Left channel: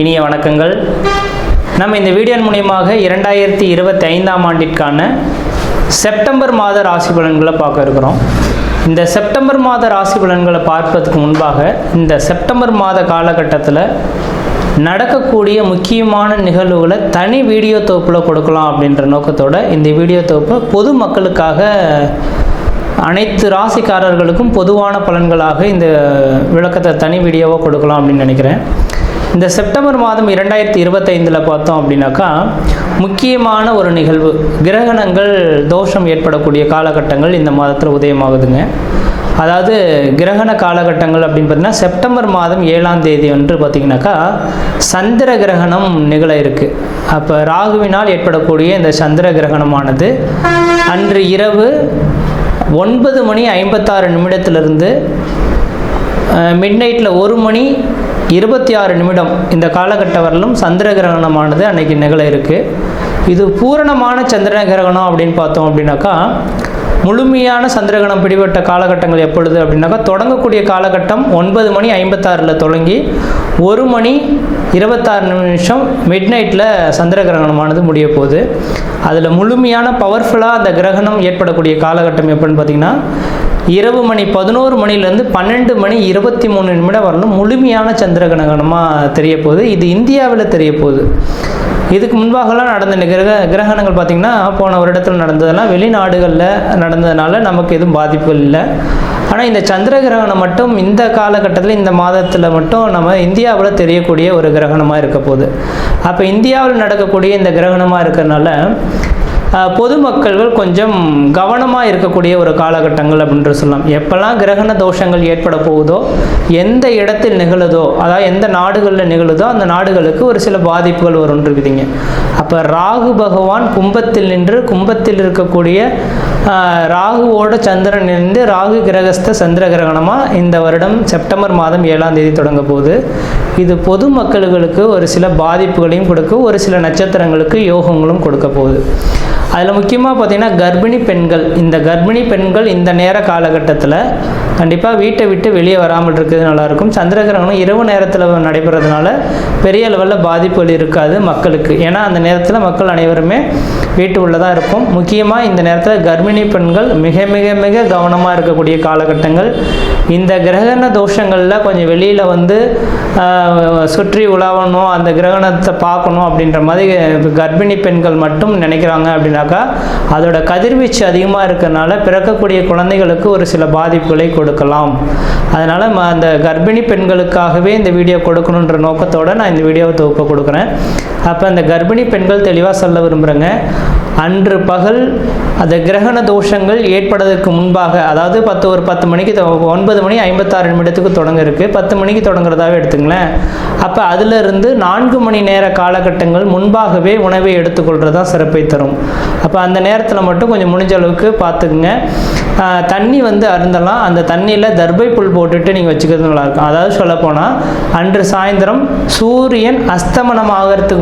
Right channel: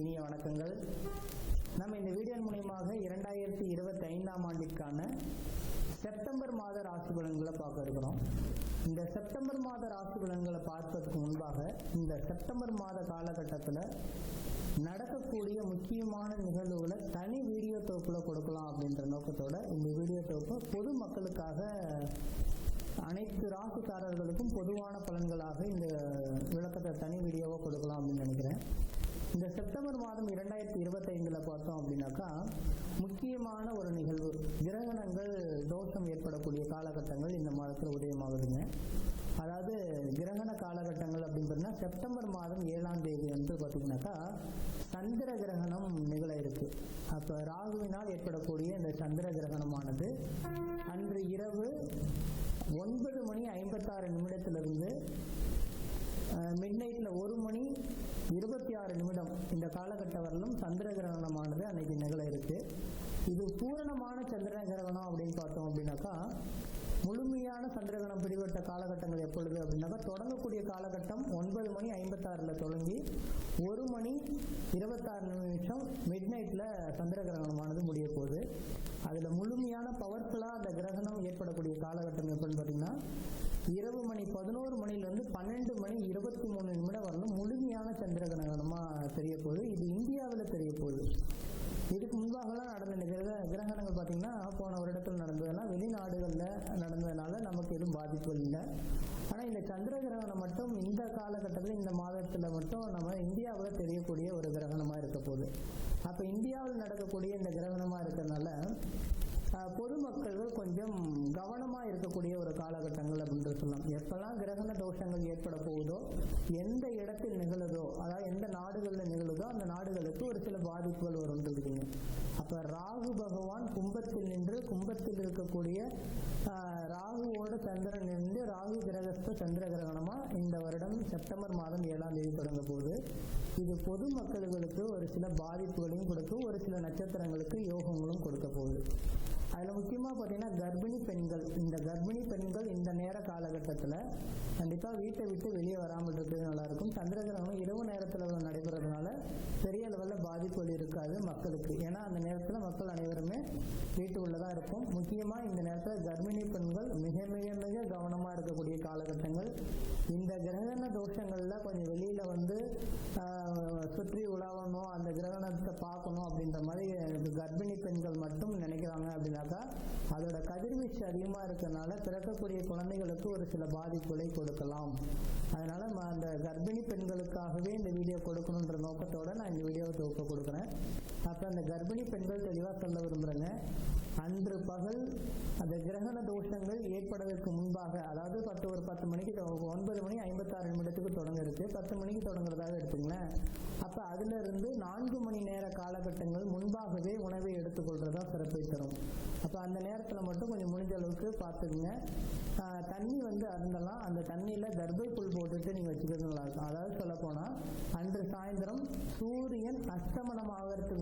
இனிய வணக்கங்கள் நம்ம இந்த வீடியோ மூலியமாக இரண்டாயிரத்தி இருபத்தி ஐந்தாம் ஆண்டிற்கான செப்டம்பர் மாத ராசி பலன்களை பார்க்க இருக்கிறோம் இந்த செப்டம்பர் மாத ராசி பலன்களை பார்ப்பதுக்கு முன்பாக இந்த செப்டம்பர் மாத காலகட்டத்தில் நடக்கக்கூடிய முக்கியமான நிகழ்வுகளை தனி வீடியோ தொகுப்பில் கொடுக்கலாம் அப்படின்ற நோக்கத்தோடு இந்த வீடியோ தொகுப்பை பொது மக்களுக்காக அனைத்து ராசிக்காரர்களுக்கும் பொதுவான பலன்களாக இந்த விளக்கத்தை தனி வீடியோவாக கொடுக்கலாம் அப்படின்னு நினைக்கிறேன் இந்த செப்டம்பர் மாதம் இரண்டாயிரத்தி இருபத்தைந்தில் பார்த்தோம் அப்படின்னாக்கா முக்கியமான ஒரு நிகழ்வு கிரகணங்கள் தோஷம் ஏற்படக்கூடிய காலகட்டங்கள் இந்த மாதத்தில் உதயமாகுதுங்க அதாவது கிரகண காலகட்டங்கள் அப்படின்னு பார்த்தீங்கன்னா செப்டம்பர் மாதம் ஏழாம் தேதி வந்து பார்த்திங்கனாக்கா சந்திர கிரகணம் நிகழ இருக்குது அப்போ ராகுவினால் ஏற்படக்கூடிய இந்த சந்திர கிரகணமானது அன்று இரவு ஒன்பது மணி ஐம்பத்தாறு நிமிடத்திலிருந்து மிட் நைட்டில் ஒரு மணி இருபத்தி ஆறு நிமிடம் இந்த காலகட்ட வரலும் சந்திர கிரகணமானது அன்னைக்கு நிகழ இருக்கு இது பூரணமான சந்திர கிரகணம் அப்படின்னு பார்த்தோம் அப்படின்னாக்கா முழுமையான சந்திரகிரகணம் பிடிபட்ட காலகட்டங்கள் எப்பொழுது அப்படின்னாக்கா தொடங்கக்கூடிய காலகட்டம் ஒன்பது மணி ஐம்பத்தாறில் தொடங்கி ஒரு மணி இருபத்தாறு நிமிஷம் மிட் நைட்டில் சந்திர கிரகணமானது முடிய போகுது அதில் முழுமையான பவர்ஃபுல்லாக அந்த கிரகணம் ஏற்படக்கூடிய காலகட்டம் எப்படின்னு பார்த்தீங்கன்னா இரவு மணி பதினோரு மணிலேருந்து பன்னெண்டு மணி இருபத்தி மூணு நிமிடம் வரணும் முழுமையான சந்திர கிரகணமாக தெரிய போகுது இது இந்தியாவில் தெரிய போகுது இதுக்கு முன்பாகலாம் நடந்த கிரக கிரகணங்கள் பார்த்திங்கன்னா போன வருடத்தில் நடந்ததெல்லாம் வெளிநாடுகளில் நடந்ததுனால நமக்கு எதுவும் பாதிப்பு இல்லை ஆனால் இந்த சந்திர கிரகணம் மட்டும் இந்த காலகட்டத்தில் இந்த மாதத்தில் மட்டும் நம்ம இந்தியாவில் தெரியக்கூடிய ஒரு கிரகணமாக இருக்க போகுது அப்போ இந்தியாவில் நடக்கக்கூடிய இந்த கிரகணமாக இருக்கிறதுனால பொதுமக்கள் கொஞ்சம் கவனமாக இருக்கக்கூடிய ஒரு காலகட்டங்கள் அப்படின்ற சொல்லலாம் எப்போல்லாம் கிரகண தோஷங்கள் ஏற்பட போகுதோ எந்த இடத்தில் நிகழுதோ அதாவது எந்த நாடுகளில் நிகழுதோ அந்த நாடுகளுக்கு ஒரு சில பாதிப்புகள் வரும்னு இருக்குதுங்க இப்போ ராகு பகவான் கும்பத்தில் நின்று கும்பத்தில் இருக்கக்கூடிய ராகுவோட சந்திரன் நின்று ராகு கிரகஸ்த சந்திர கிரகணமாக இந்த வருடம் செப்டம்பர் மாதம் ஏழாம் தேதி தொடங்க போகுது இது பொது மக்களுக்கு ஒரு சில பாதிப்புகளையும் கொடுக்கும் ஒரு சில நட்சத்திரங்களுக்கு யோகங்களும் கொடுக்க போகுது அதில் முக்கியமாக பார்த்திங்கன்னா கர்ப்பிணி பெண்கள் இந்த கர்ப்பிணி பெண்கள் இந்த நேர காலகட்டத்தில் கண்டிப்பாக வீட்டை விட்டு வெளியே வராமல் இருக்கிறது நல்லாயிருக்கும் சந்திர கிரகணம் இரவு நேரத்தில் நடைபெறதுனால பெரிய லெவலில் பாதிப்புகள் இருக்காது மக்களுக்கு ஏன்னா அந்த நேரத்தில் நேரத்தில் மக்கள் அனைவருமே வீட்டு உள்ளதாக இருக்கும் முக்கியமாக இந்த நேரத்தில் கர்ப்பிணி பெண்கள் மிக மிக மிக கவனமாக இருக்கக்கூடிய காலகட்டங்கள் இந்த கிரகண தோஷங்களில் கொஞ்சம் வெளியில் வந்து சுற்றி உலாவணும் அந்த கிரகணத்தை பார்க்கணும் அப்படின்ற மாதிரி கர்ப்பிணி பெண்கள் மட்டும் நினைக்கிறாங்க அப்படின்னாக்கா அதோட கதிர்வீச்சு அதிகமாக இருக்கிறனால பிறக்கக்கூடிய குழந்தைகளுக்கு ஒரு சில பாதிப்புகளை கொடுக்கலாம் அதனால் அந்த கர்ப்பிணி பெண்களுக்காகவே இந்த வீடியோ கொடுக்கணுன்ற நோக்கத்தோடு நான் இந்த வீடியோவை தொகுப்பை கொடுக்குறேன் அப்போ அந்த கர்ப்பிணி பெண்கள் தெளிவாக சொல்ல விரும்புகிறேங்க அன்று பகல் அந்த கிரகண தோஷங்கள் ஏற்படுவதற்கு முன்பாக அதாவது பத்து ஒரு பத்து மணிக்கு ஒன்பது மணி ஐம்பத்தாறு நிமிடத்துக்கு தொடங்க இருக்குது பத்து மணிக்கு தொடங்குறதாகவே எடுத்துங்களேன் அப்போ அதிலிருந்து நான்கு மணி நேர காலகட்டங்கள் முன்பாகவே உணவை எடுத்துக்கொள்கிறது தான் சிறப்பை தரும் அப்போ அந்த நேரத்தில் மட்டும் கொஞ்சம் முடிஞ்ச அளவுக்கு பார்த்துக்குங்க தண்ணி வந்து அருந்தலாம் அந்த தண்ணியில் தர்பை புல் போட்டுட்டு நீங்கள் வச்சுக்கிறது நல்லாயிருக்கும் அதாவது சொல்லப்போனால் அன்று சாயந்தரம் சூரியன் அஸ்தமனம்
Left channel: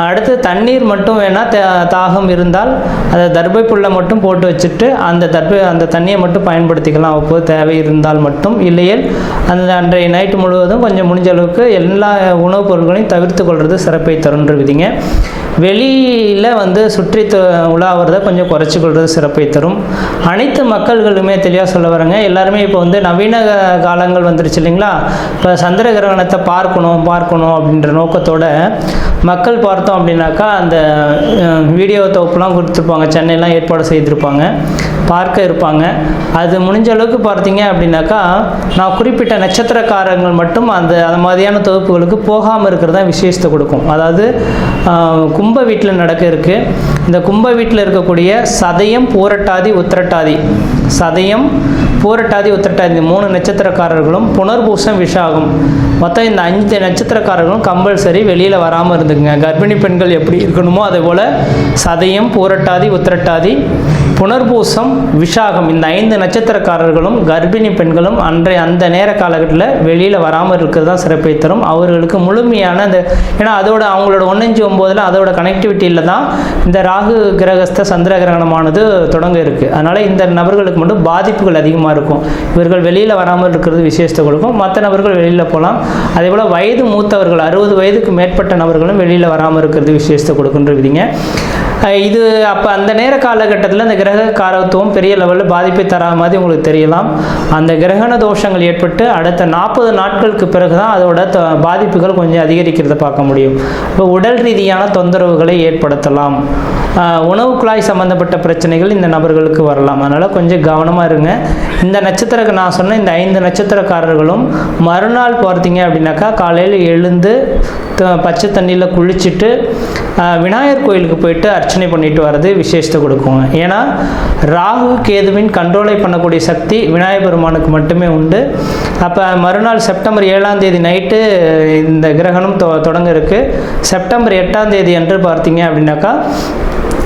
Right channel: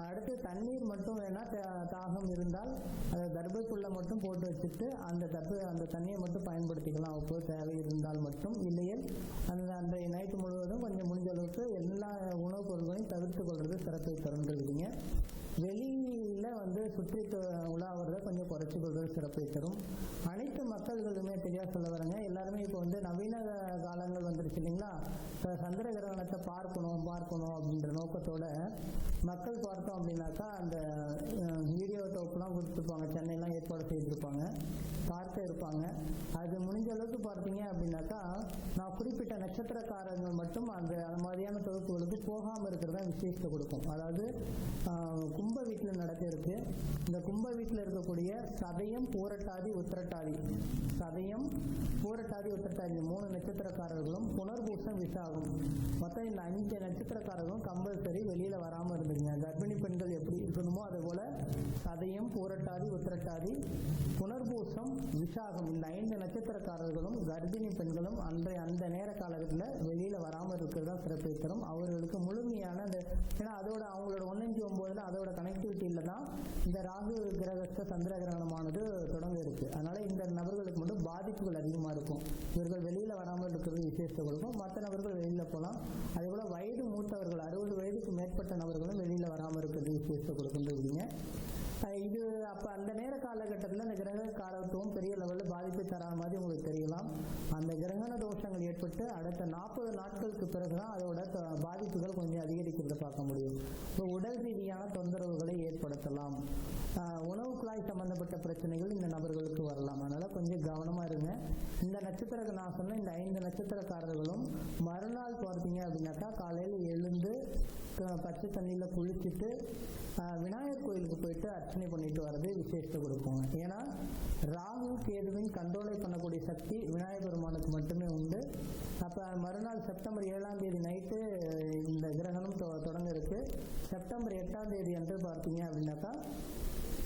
அடுத்து தண்ணீர் மட்டும் வேணால் தாகம் இருந்தால் அதை தர்பை புல்லை மட்டும் போட்டு வச்சுட்டு அந்த தர்பை அந்த தண்ணியை மட்டும் பயன்படுத்திக்கலாம் அப்போது தேவை இருந்தால் மட்டும் இல்லையே அந்த அன்றைய நைட்டு முழுவதும் கொஞ்சம் முடிஞ்ச அளவுக்கு எல்லா உணவுப் பொருட்களையும் தவிர்த்து கொள்வது சிறப்பை விதிங்க வெளியில் வந்து சுற்றி உலாவுறத கொஞ்சம் குறைச்சி கொள்வது சிறப்பை தரும் அனைத்து மக்கள்களுமே தெளிவாக சொல்ல வரேங்க எல்லாருமே இப்போ வந்து நவீன காலங்கள் வந்துருச்சு இல்லைங்களா இப்போ சந்திர கிரகணத்தை பார்க்கணும் பார்க்கணும் அப்படின்ற நோக்கத்தோட மக்கள் பார்த்து பார்த்தோம் அப்படின்னாக்கா அந்த வீடியோ தொகுப்புலாம் கொடுத்துருப்பாங்க சென்னையெலாம் ஏற்பாடு செய்திருப்பாங்க பார்க்க இருப்பாங்க அது முடிஞ்ச அளவுக்கு பார்த்தீங்க அப்படின்னாக்கா நான் குறிப்பிட்ட நட்சத்திரக்காரங்கள் மட்டும் அந்த அந்த மாதிரியான தொகுப்புகளுக்கு போகாமல் இருக்கிறது தான் விசேஷத்தை கொடுக்கும் அதாவது கும்ப வீட்டில் நடக்க இருக்குது இந்த கும்ப வீட்டில் இருக்கக்கூடிய சதயம் பூரட்டாதி உத்திரட்டாதி சதயம் பூரட்டாதி உத்திரட்டாதி இந்த மூணு நட்சத்திரக்காரர்களும் புனர்பூசம் விஷாகும் மொத்தம் இந்த அஞ்சு நட்சத்திரக்காரர்களும் கம்பல்சரி வெளியில் வராமல் இருந்துக்குங்க கர்ப்பிணி பெண்கள் எப்படி இருக்கணுமோ அதே போல் சதயம் பூரட்டாதி உத்திரட்டாதி புனர்பூசம் விஷாகம் இந்த ஐந்து நட்சத்திரக்காரர்களும் கர்ப்பிணி பெண்களும் அன்றைய அந்த நேர காலகட்டத்தில் வெளியில் வராமல் இருக்கிறது தான் சிறப்பை தரும் அவர்களுக்கு முழுமையான அந்த ஏன்னா அதோட அவங்களோட ஒன்னஞ்சு ஒம்போதில் அதோட கனெக்டிவிட்டியில் தான் இந்த ராகு கிரகஸ்த சந்திர கிரகணமானது தொடங்க இருக்குது அதனால் இந்த நபர்களுக்கு மட்டும் பாதிப்புகள் அதிகமாக இருக்கும் இவர்கள் வெளியில் வராமல் இருக்கிறது விசேஷத்தை கொடுக்கும் மற்ற நபர்கள் வெளியில் போகலாம் அதே போல் வயது மூத்தவர்கள் அறுபது வயதுக்கு மேற்பட்ட நபர்களும் வெளியில் வராமல் இருக்கிறது விசேஷத்தை கொடுக்குன்ற விதிங்க இது அப்போ அந்த நேர காலகட்டத்தில் அந்த கிரக கிரக காரத்துவம் பெரிய லெவலில் பாதிப்பை தராத மாதிரி உங்களுக்கு தெரியலாம் அந்த கிரகண தோஷங்கள் ஏற்பட்டு அடுத்த நாற்பது நாட்களுக்கு பிறகு தான் அதோட பாதிப்புகள் கொஞ்சம் அதிகரிக்கிறத பார்க்க முடியும் இப்போ உடல் ரீதியான தொந்தரவுகளை ஏற்படுத்தலாம் உணவு குழாய் சம்மந்தப்பட்ட பிரச்சனைகள் இந்த நபர்களுக்கு வரலாம் அதனால் கொஞ்சம் கவனமாக இருங்க இந்த நட்சத்திரக்கு நான் சொன்ன இந்த ஐந்து நட்சத்திரக்காரர்களும் மறுநாள் பார்த்தீங்க அப்படின்னாக்கா காலையில் எழுந்து பச்சை தண்ணியில் குளிச்சுட்டு விநாயகர் கோயிலுக்கு போயிட்டு அர்ச்சனை பண்ணிட்டு வர்றது விசேஷத்தை கொடுக்குங்க ஏன்னா ராகு கேதுவின் கண்ட்ரோலை பண்ணக்கூடிய சக்தி விநாயகர் பெருமானுக்கு மட்டுமே உண்டு அப்போ மறுநாள் செப்டம்பர் ஏழாம் தேதி நைட்டு இந்த கிரகணம் தொடங்க இருக்குது செப்டம்பர் எட்டாம் தேதி என்று பார்த்தீங்க அப்படின்னாக்கா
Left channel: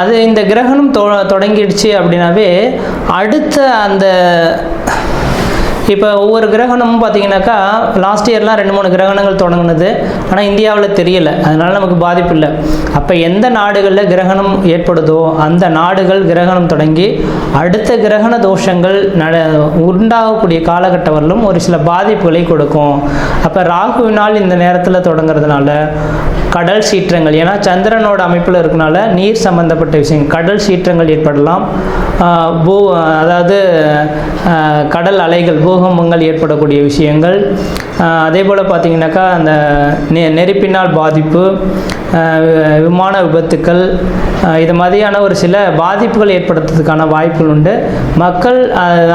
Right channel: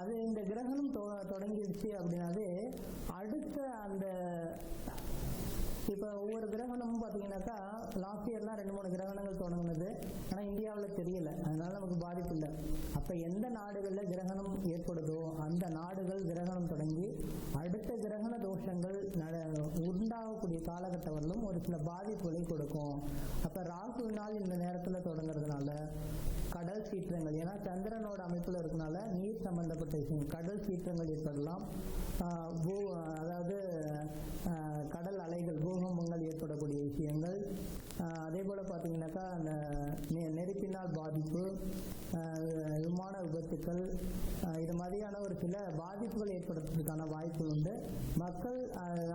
அது இந்த கிரகணம் தொடங்கிடுச்சு அப்படின்னாவே அடுத்த அந்த இப்போ ஒவ்வொரு கிரகணமும் பார்த்தீங்கன்னாக்கா லாஸ்ட் இயர்லாம் ரெண்டு மூணு கிரகணங்கள் தொடங்கினது ஆனால் இந்தியாவில் தெரியல அதனால் நமக்கு பாதிப்பு இல்லை அப்போ எந்த நாடுகளில் கிரகணம் ஏற்படுதோ அந்த நாடுகள் கிரகணம் தொடங்கி அடுத்த கிரகண தோஷங்கள் நட உண்டாகக்கூடிய காலகட்டவரிலும் ஒரு சில பாதிப்புகளை கொடுக்கும் அப்போ ராகுவினால் இந்த நேரத்தில் தொடங்குறதுனால கடல் சீற்றங்கள் ஏன்னா சந்திரனோட அமைப்பில் இருக்கனால நீர் சம்பந்தப்பட்ட விஷயம் கடல் சீற்றங்கள் ஏற்படலாம் பூ அதாவது கடல் அலைகள் பூ பூகம்பங்கள் ஏற்படக்கூடிய விஷயங்கள் அதே போல் பார்த்திங்கனாக்கா அந்த நெ நெருப்பினால் பாதிப்பு விமான விபத்துக்கள் இது மாதிரியான ஒரு சில பாதிப்புகள் ஏற்படுத்துறதுக்கான வாய்ப்புகள் உண்டு மக்கள்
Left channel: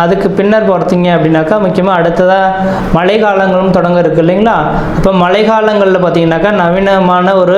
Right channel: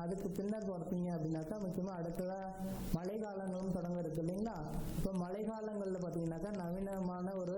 அதுக்கு பின்னர் பார்த்தீங்க அப்படின்னாக்கா முக்கியமாக அடுத்ததாக மழை காலங்களும் தொடங்க இருக்குது இல்லைங்களா இப்போ மழை காலங்களில் பார்த்திங்கனாக்கா நவீனமான ஒரு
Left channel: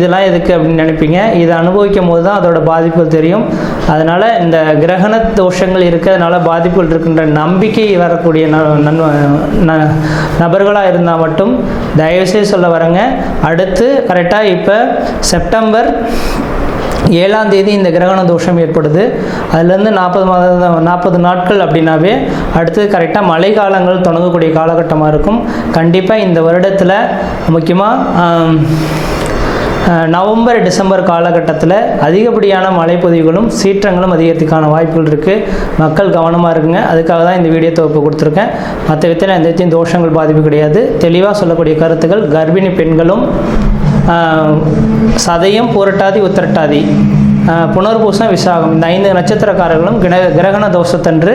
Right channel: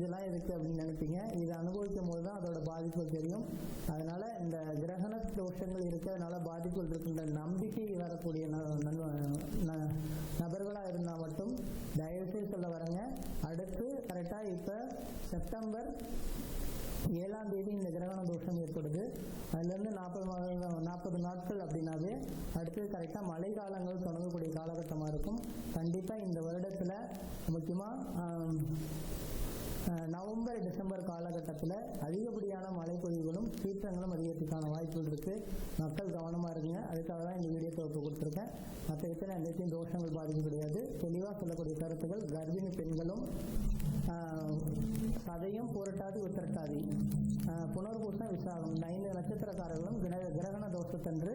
இதெல்லாம் எதுக்கு அப்படின்னு நினைப்பீங்க இதை அனுபவிக்கும் போது தான் அதோட பாதிப்புகள் தெரியும் அதனால் இந்த கிரகண தோஷங்கள் இருக்கிறதுனால பாதிப்புகள் இருக்கின்ற நம்பிக்கை வரக்கூடிய நபர்களாக இருந்தால் மட்டும் தயவுசெய்து சொல்ல வரேங்க அடுத்து கரெக்டாக இப்போ செப்டம்பர் ஏழாம் தேதி இந்த கிரகண தோஷம் ஏற்படுது அதுலேருந்து நாற்பது மாத நாற்பது நாட்கள் அப்படின்னாவே அடுத்தது கரெக்டாக மழை காலங்கள் தொடங்கக்கூடிய காலகட்டமாக இருக்கும் கண்டிப்பாக இந்த வருடத்தில் முக்கியமாக நவம்பர் டிசம்பர் காலகட்டத்தில் அதிகப்படியான மழைப்பொதிவுகளும் சீற்றங்களும் அதிகரித்துக்கான வாய்ப்புகள் இருக்குது மக்கள் கவனமாக இருக்குங்க அதுக்காக தான் இந்த வீடியோ தொகுப்பு கொடுத்துருக்கேன் மற்ற விதத்தில் எந்த விதத்தையும் தோஷங்கள் பாதிப்பு கிடையாது தெளிவாக சொல்லக்கூடிய கருத்துக்கள் கர்ப்பிணி பெண்களும் சதையும் புரட்டாதி உத்திரட்டாதி புனர்பூசம் விசாகம் இந்த ஐந்து நட்சத்திரக்காரர்களும் கிர கிரகண தோஷத்தன்று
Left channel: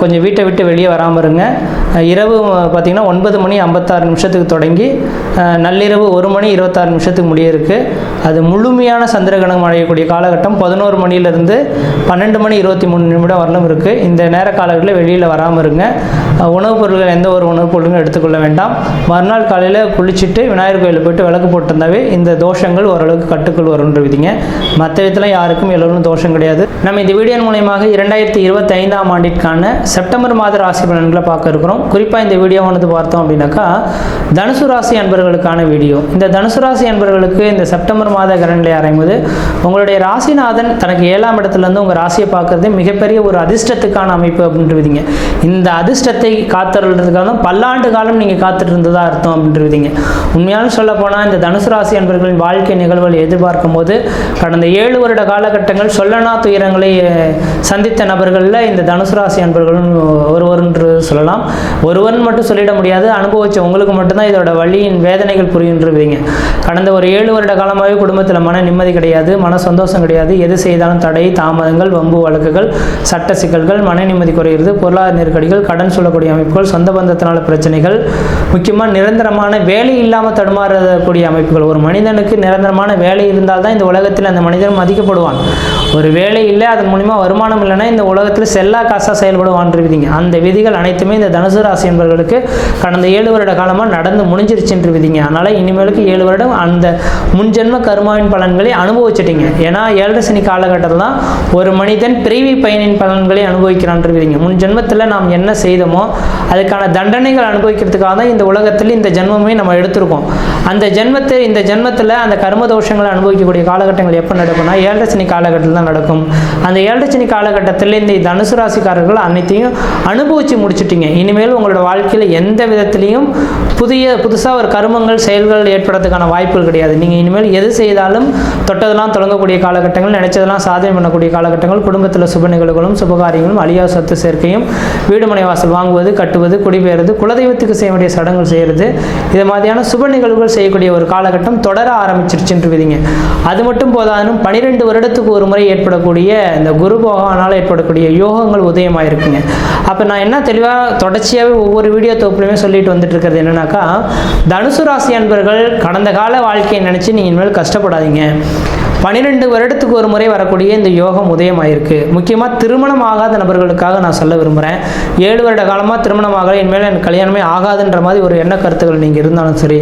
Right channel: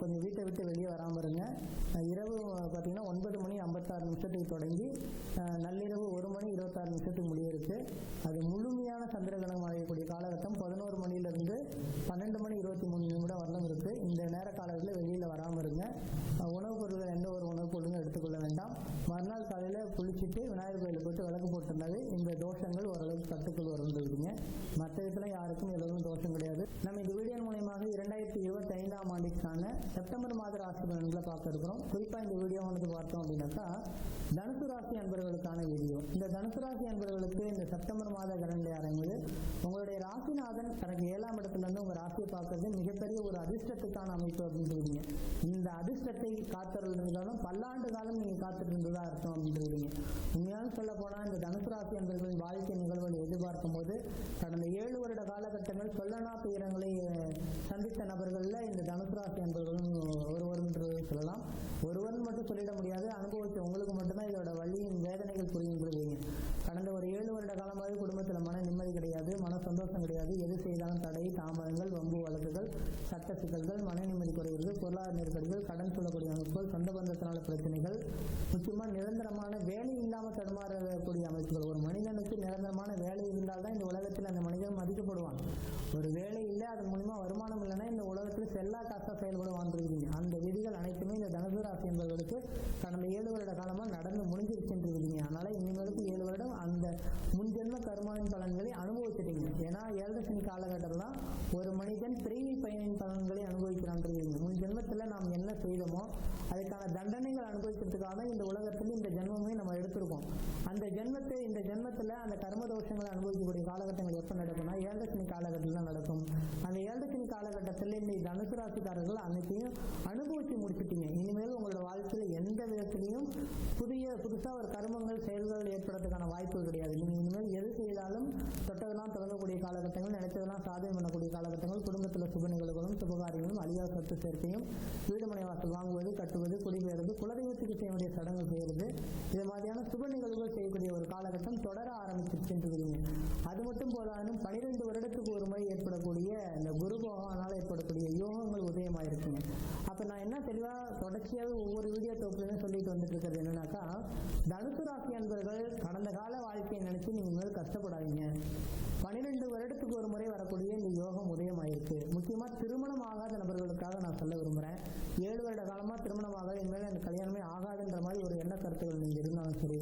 கொஞ்சம் வீட்டை விட்டு வெளியே வராமல் இருங்க இரவு பார்த்திங்கன்னா ஒன்பது மணி ஐம்பத்தாறு நிமிஷத்துக்கு தொடங்கி நள்ளிரவு ஒரு மணி இருபத்தாறு நிமிஷத்துக்கு முடிய இருக்குது அது முழுமையான சந்திரகிரகணம் அடையக்கூடிய காலகட்டம் பதினோரு மணிலேருந்து பன்னெண்டு மணி இருபத்தி மூணு நிமிடம் வரலும் இருக்குது இந்த நேர காலகட்டத்தில் வெளியில் வராமல் இருங்க உணவுப் பொருட்கள் எந்த ஒரு உணவுப் பொருளும் எடுத்துக்கொள்ள வேண்டாம் மறுநாள் காலையில் குளிச்சுட்டு விநாயகர் கோயிலில் போயிட்டு விளக்கு போட்டிருந்தாவே இந்த தோஷங்கள் ஓரளவுக்கு கட்டுக்குள் விதிங்க மற்ற நட்சத்திரத்தில் யாருக்கும் எல்லோரும் தோஷம் கிடையாது நம்ம இந்த வீடியோ மூலயமாக இரண்டாயிரத்தி இருபத்தி ஐந்தாம் ஆண்டிற்கான செப்டம்பர் மாத ராசி பலன்களை பார்க்க இருக்கிறோம் குறிப்பாக இந்த வீடியோவானது பார்த்தோம் அப்படின்னாக்கா தனுசு ராசி அன்பர்களுக்கான வீடியோ இந்த தனுசு ராசி அன்பர்களுக்கு இந்த செப்டம்பர் மாத கரண்டில் அறையும்போது உங்களுடைய ராசிநாதன் தனக்கு ஏழாம் இடத்துலேருந்து உங்கள் ராசியை பார்க்கறது மிகப்பெரிய ஒரு அதிர்ஷ்டத்துக்கான அமைப்பு அப்படின்றீங்க இந்த அதிர்ஷ்டத்தை காத்துறதுக்காக பல்லாண்டு காலம் நீங்கள் காத்துட்டு இருந்ததா அர்த்தம் அப்படின்றீங்க உண்மையான சொல்ல போனால் இந்த தனுசு ராசி அன்பர்களின் வாழ்க்கை நிகழ்வுகள் எதிர்பார்க்கும் போது கடந்த ஏழு ஏழு வருட காலகட்டங்கள் சொல்லனா துயரங்களை சந்தித்த நபர்களில் இந்த தனுசு ராசி அன்பர்களும் ஒருவர் என்று சொல்லலாம் ஒருவர்னு மட்டும் சொல்லிட முடியாது அனுபவிச்ச உங்களுக்கு மட்டும்தான் இதோட வழியின் வேதனைகள் புரியுன்றவீங்க கடந்த ஒரு ஏழு வருட காலமாகவே குடும்பத்தில் மன நிம்மதி கிடையாது மன சந்தோஷம் கிடையாது எது செய்தாலும் தடை தாமதங்கள் வம்பு வழக்குகள் சட்ட சிக்கல்கள் மன நிம்மதி குறைகிறது பொருளாதார நெருக்கடிகள் கடன் சொல்லக்கூடிய அமைப்புகள் சொந்த பந்தத்தினால பிரச்சனைகள் முக்கியமாக நிரந்தரமான வேலை இல்லாமல் தடுமாறக்கூடிய அமைப்புகள் ஒரு மனிதனுக்கு நிரந்தரமான வேலை இருந்தால் தான் இந்த உலகத்தில் அந்த மனிதன் மதிக்கப்படுவான் ஒரு வேலை இல்லை அதன் மூலிமா வருமானம் இல்லைன்னா இந்த உலகத்தில் செல்லா காசாக செயல்படுவான் விதிங்க அந்த விதிகள் அனைத்துமே இந்த தனுசு ராசி என்பவர்களுக்கு கடந்த ஏழு வருட காலமாக நடந்து முடிஞ்சிருச்சுன்ற விதிங்க அதனால் இனிமேலுக்கு ஏழு வருடம் அந்த முன்ஜென்ம கருமாவின் பலன்களை அனுபவிச்சிட்டிங்க ஏன்னா ஏழரசனி காலகட்டத்தில் தான் ஒரு மனிதன் பிரிவி பயனின் பலன்களை அனுபவிக்கிறான்ற விதிங்க முன் ஜென்மத்தில் நாம் என்ன செய்தோமோ அதுக்கான தண்டனைகள் அனுபவிக்கிறதுக்காக தான் இந்த உலகத்தில் இந்த ஜென்மமே நம்ம எடுத்திருக்கோம் அந்த ஜென்மத்தை இந்த ஜென்மத்தில் அந்த கர்ம தோஷங்களை அனுபவிக்கக்கூடிய காலகட்டங்கள் எப்போ நடக்கும் சொன்னால் ஏழரை காலகட்டத்தில் தான் நடக்கும் அந்த ஏழரை காலகட்டத்தில் இந்த தனுசு ராசிக்காரர்கள் அனைத்தையும் அனுபவித்து முடிச்சுட்டீங்க இனிமேல் உங்களோட வாழ்க்கையில் எந்த விதத்துலேயும் புதிய புதுசாக ஒரு கருமங்கள் செயல்கள் ஏற்படுறதுக்கான வாய்ப்புகள் கிடையாது நீங்கள் இனிமேல் எது செய்தாலும் தொட்டதெல்லாம் தொடங்கக்கூடிய காலகட்டங்கள் நினைச்சதெல்லாம் சாதனை பண்ணக்கூடிய காலகட்டங்கள் குடும்பத்தில் சுப நிகழ்வுகளும் சுபகாரியங்களும் அழியா சொத்து சேர்க்கையும் வீடுமனை வாசல் வாங்குவது கட்டுவது குடிபெயர்வது குலதெய்வத்துக்கு செய்ய வேண்டிய சடங்குகள் செய்கிறது இது மாதிரியான சுப நிகழ்வுகள் செய்யக்கூடிய ஒரு காலகட்டம் தொடர ஆரம்பிச்சிருச்சுன்றீங்க அது மட்டும் போதாதுன்னு பனி பனிரெண்டு வருடத்துக்கு ஒரு முறை ஏற்படக்கூடிய இந்த குரு ஏற்படக்கூடிய யோகங்கள் உதயமாக இருக்குங்க அப்போ நான் என்ன தெளிவாக தொடர்ச்சியாகவே ஒவ்வொரு வீடியோ தொகுப்புலையுமே சொல்லிட்டு வந்துட்டு இருக்கிறது என்னன்னாக்கா தனுசு ராசி அன்பர்கள் கடந்த கால வாழ்க்கையை நினச்சி நீங்கள் இனிமேல் கஷ்டப்படாதீங்க பன்னிரெண்டு வருடத்துக்கு ஒரு முறை வரக்கூடிய இந்த யோகம் உதயமாயிருக்கு முக்கியமாக திருமணம் ஆகாத நபர்களுக்காக நான் சொல்ல விரும்புகிறேன் ஏழு வருட காலமாக திருமணம் ஆகலை இனிமேல் எனக்கு கல்யாணமே ஆகாதுன்ற மாதிரி ஒரு எண்ண கருத்துக்கள் நீங்கள் இருந்தாலும் சரி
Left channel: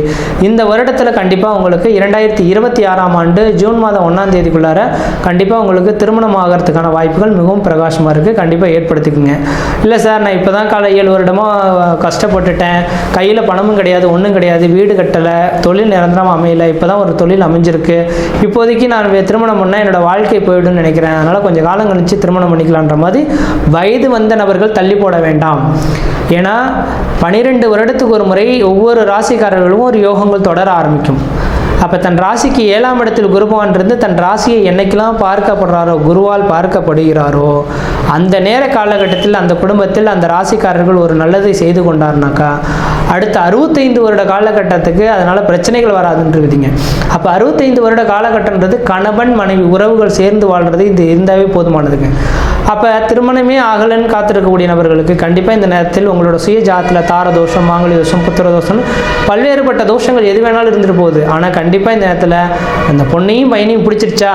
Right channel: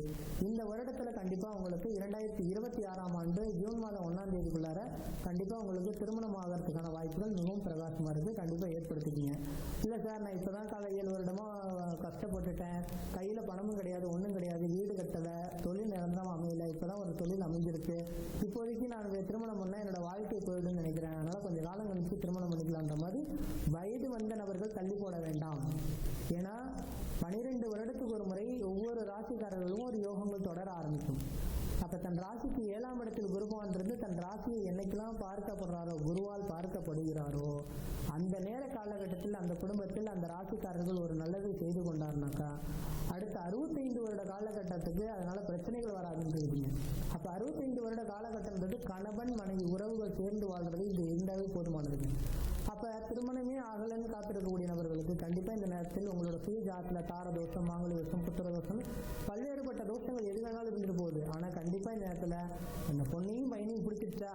இந்த வருடத்தில் கண்டிப்பாக உங்களுக்கு இரண்டாயிரத்தி இருபத்தி ஆறாம் ஆண்டு ஜூன் மாதம் ஒன்றாம் தேதிக்குள்ளார கண்டிப்பாக உங்களுக்கு திருமணம் ஆகிறதுக்கான வாய்ப்புகள் மிகவும் பிரகாசமாக இருக்குது கண்டிப்பாக ஏற்படுத்திக்கோங்க இல்லை சார் நான் இப்போ தான் காலை ஏழு வருடமாக கஷ்டப்பட்டுட்டேன் கையில் பணமும் கிடையாது ஒன்றும் கிடையாது வீடு கட்டலை தொழில் நிரந்தரமாக அமையலை இப்போ தான் ஒரு தொழில் அமைஞ்சிருக்கு இப்போதைக்கு நான் திருமணம் பண்ணால் என்னோடய வாழ்க்கை போயிடும்னு நினைக்கிறேன் அதனால் கொஞ்சம் காலம் கழிச்சு திருமணம் பண்ணிக்கலான்ற மாதிரி வயது வந்த நபர்கள் தள்ளி போட வேண்டாம் ஏன்னா பனிரெண்டு வருடத்துக்கு ஒரு முறை ஒவ்வொரு ராசிக்காரர்களும் ஒரு யோகங்கள் தொடர ஆரம்பிக்கும் அப்போ தன் ராசிக்கு ஏழாம் இடத்தில் குருபவான் இருந்து தன் ராசியை என்னைக்கெல்லாம் பார்க்கப்படுறாரோ குருவால் பார்க்கப்படுகிறாரோ அந்த நேர காலகட்டத்தில் அந்த குடும்பத்தில் அந்த ராசிக்காரர்கள் ஒரு நல்லதை செய்து கொண்டார்னாக்கா அடுத்த அறுபத்தைந்து வருட காலகட்டத்துக்கு அதனால் பிரச்சனைகள் வராதுன்றதுங்க அப்போ அறுபத்தைந்து வருட காலகட்டன்றது கணவன் மனைவி உறவுகள் சேர்ந்து வாழ்கிறது இது இருந்தாவே போதுமானதுங்க அப்போ திருமணமே ஆகலன்னு காத்திருக்கக்கூடிய நபர்களுக்கு கண்டிப்பாக இந்த நேரத்தில் உங்களோட சுய ஜாத்தில் தார தோஷம் மாங்கலி தோஷம் புத்திர தோஷம் பல்வேறுபட்ட தோஷங்கள் எது வேணாலும் இருந்துட்டு போகுது ஆனால் கண்டிப்பாக இந்த நேரத்தில் அந்த பொண்ணையும் பையனையும் பிடிச்சிருச்சா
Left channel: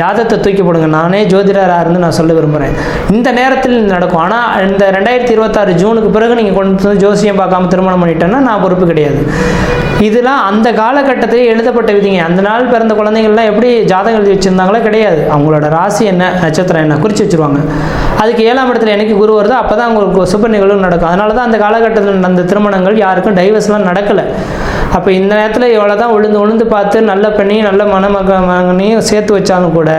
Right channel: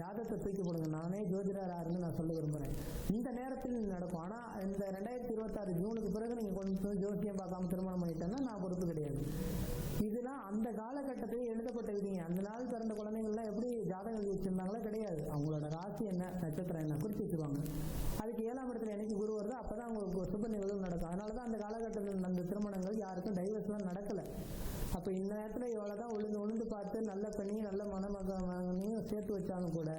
ஜாதத்தை தூக்கி போடுங்க நானே ஜோதிடராக இருந்து நான் சொல்ல விரும்புகிறேன் இந்த நேரத்தில் நடக்கும் ஆனால் இந்த ரெண்டாயிரத்தி இருபத்தாறு ஜூனுக்கு பிறகு நீங்கள் கொண்டு வந்து ஜோசியம் பார்க்காம திருமணம் பண்ணிட்டேன்னா நான் பொறுப்பு கிடையாது இதெல்லாம் அந்த காலகட்டத்தில் எழுதப்பட்ட விதிங்க அந்த நாள் பிறந்த குழந்தைங்கள்லாம் எப்படி ஜாதகம் எழுதி வச்சுருந்தாங்களோ கிடையாது அவங்களோட ராசி என்ன நட்சத்திரம் என்ன குறித்து வச்சுருவாங்க அதுக்கு ஏழாம் இடத்துல எனக்கு குரு வருதோ அப்போ தான் அவங்களுக்கு சுப நிகழ்வு நடக்கும் அதனால தான் அந்த காலகட்டத்தில் நடந்த திருமணங்கள் யாருக்கும் டைவர்ஸ்லாம் நடக்கலை அப்போ இந்த நேரத்தில் இவ்வளோ தான் உழுந்து உழுந்து பார்த்து நல்ல பண்ணி நல்ல மனமக மகனையும் சேர்த்து வச்சாலும் கூட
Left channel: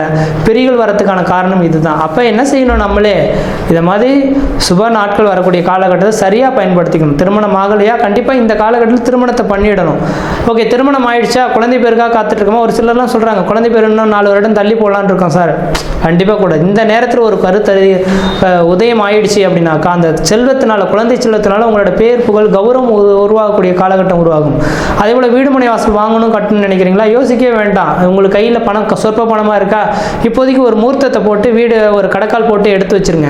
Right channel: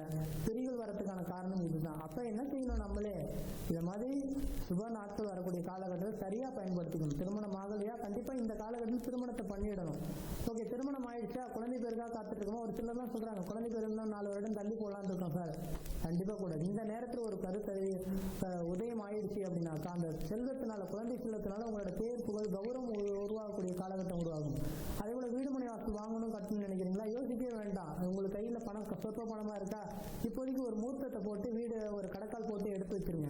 பிரிகள் வரத்துக்கான காரணம் இதுதான் அப்போ என்ன செய்யணும் நம்மளே இதை மாதிரி சுப நாட்கள் வரக்கூடிய காலகட்டத்தை சரியாக பயன்படுத்திக்கணும் திருமணம் ஆகலையா கண்டிப்பாக இந்த காலகட்டத்தில் திருமணத்தை பண்ணிடணும் ஓகே திருமணம் ஆயிடுச்சா குழந்தை பேருக்காக காத்துட்ருக்கோமா ஒரு சிலர்லாம் சொல்கிறாங்க குழந்தை பேர் இன்னும் நாலு வருடம் தள்ளி போகலான் இருக்கோம் சார் கண்டிப்பாக கூட இந்த நேரத்தில் ஒரு கருத்தறி உதயம் ஆயிடுச்சு அப்படின்னாக்கா அந்த செல்வத்தினால குழந்தை செல்வத்தினால உங்களோட பேர் புகழ் கௌரவம் உருவாகக்கூடிய காலகட்டம் உருவாகும் அதே போல் வீடுமனை வாசல் வாங்கணும் கட்டணும்னு நினைக்கிறீங்களா யோசிக்கவே வேண்டாம் உங்களுக்கு கையில் பணம் சொற்ப பணமாக இருக்கா இப்போதைக்கு ஒரு மூர்த்தத்தை போட்டு வீடு ஒரு கடக்கால் போட்டு எடுத்து வச்சுருங்க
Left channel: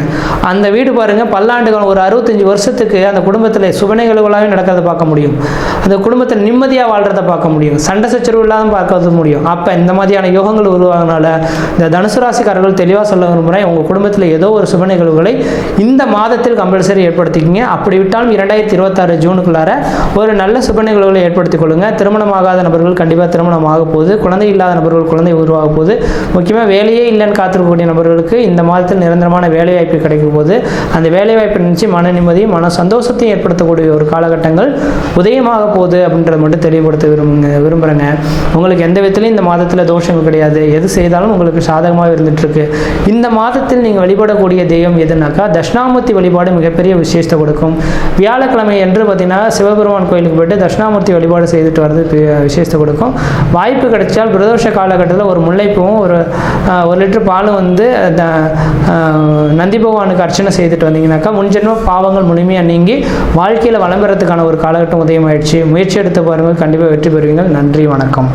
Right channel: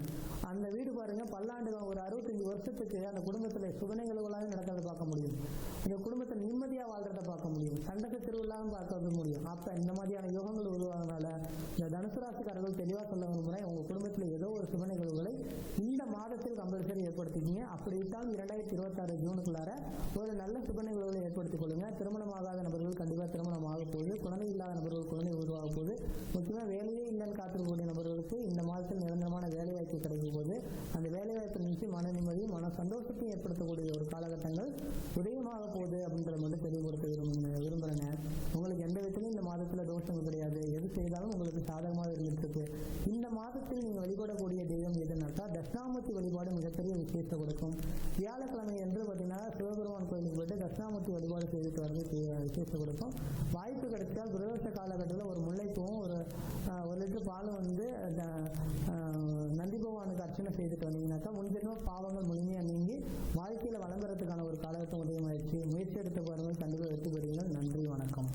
அந்த வீடு பாருங்கள் பல்லாண்டுகள் ஒரு அறுபத்தஞ்சி வருஷத்துக்கு அந்த குடும்பத்தில் சுபனைகளுகளாகவே நடக்கிறத பார்க்க முடியும் அந்த குடும்பத்தில் நிம்மதியாக வாழ்கிறத பார்க்க முடியும் சண்டை சச்சரவு இல்லாமல் பார்க்கறது முடியும் அப்போ இந்த மாதிரியான யோகங்கள் உருவாகினால இந்த தனுசு ராசிக்காரர்கள் தெளிவாக சொல்ல விரும்புகிறேன் உங்கள் குடும்பத்தில் ஏதோ ஒரு சுப நிகழ்வுகளை இந்த மாதத்தில் கம்பல்சரி ஏற்படுத்திக்கிங்க அப்படி விட்டாலும் இரண்டாயிரத்தி இருபத்தாறு ஜூனுக்குள்ளார ஒரு நல்ல சுப நிகழ்வுகளை ஏற்படுத்தி ஏற்படுத்திக் கொள்ளுங்கள் திருமணமாகாத நபர்கள் கண்டிப்பாக திருமணம் ஆக போகுது குழந்தை இல்லாத நபர்கள் குழந்தை உருவாக போகுது முக்கியமாக வேலையே இல்லைன்னு காத்திருக்கக்கூடிய நபர்களுக்கு இந்த மாதத்தில் நிரந்தரமான வேலைவாய்ப்பு கிடைக்கும் போது அந்த வேலைவாய்ப்பு நினச்சி மன நிம்மதியும் மன சந்தோஷத்தையும் ஏற்படுத்தக்கூடிய ஒரு காலகட்டங்கள் உதயமாக போகுது அப்படின்றத மட்டும் தெளிவுபடுத்த விரும்புங்க விரும்புகிறேங்க உங்களுக்கு எந்த விதத்துலையும் இந்த மாதத்தில் தோஷங்கள் கிடையாது எது செய்தாலும் உங்களுக்கு சாதகமாக இருந்துகிட்ருக்கு இந்த மாதத்தில் நீங்கள் வழிபடக்கூடிய தெய்வம் எதுனாக்கா தட்சிணாமூர்த்தி வழிபாடு மிகப்பெரிய விசேஷத்தை கொடுக்கும் வியாழக்கிழமை என்று பார்த்தீங்கன்னா சிவபெருமான் கோயிலுக்கு போயிட்டு தட்சிணாமூர்த்தி வழிபாடு வழிபாடு செய்துட்டு வரது விசேஷத்தை கொடுக்கும் வாய்ப்பு கிடைச்சால் பிரதோஷ காலகட்டத்தில் ஒரு முல்லைப்பூவும் ஒரு ஒரு லிட்டர் பாலும் வந்து நந்தி பகவானுக்கு அர்ச்சனை செய்துட்டு வந்தீங்கனாக்கா முன்ஜென்ம பாவங்கள் முழுமையாக நீங்கி வாழ்க்கையில் வளம் பெறத்துக்கான ஒரு காலகட்டம் உதயமாயிடுச்சு முயற்சி எடுத்து பாருங்கள் கண்டிப்பாக வெற்றி பெறுவீங்கள் நன்றி வணக்கம்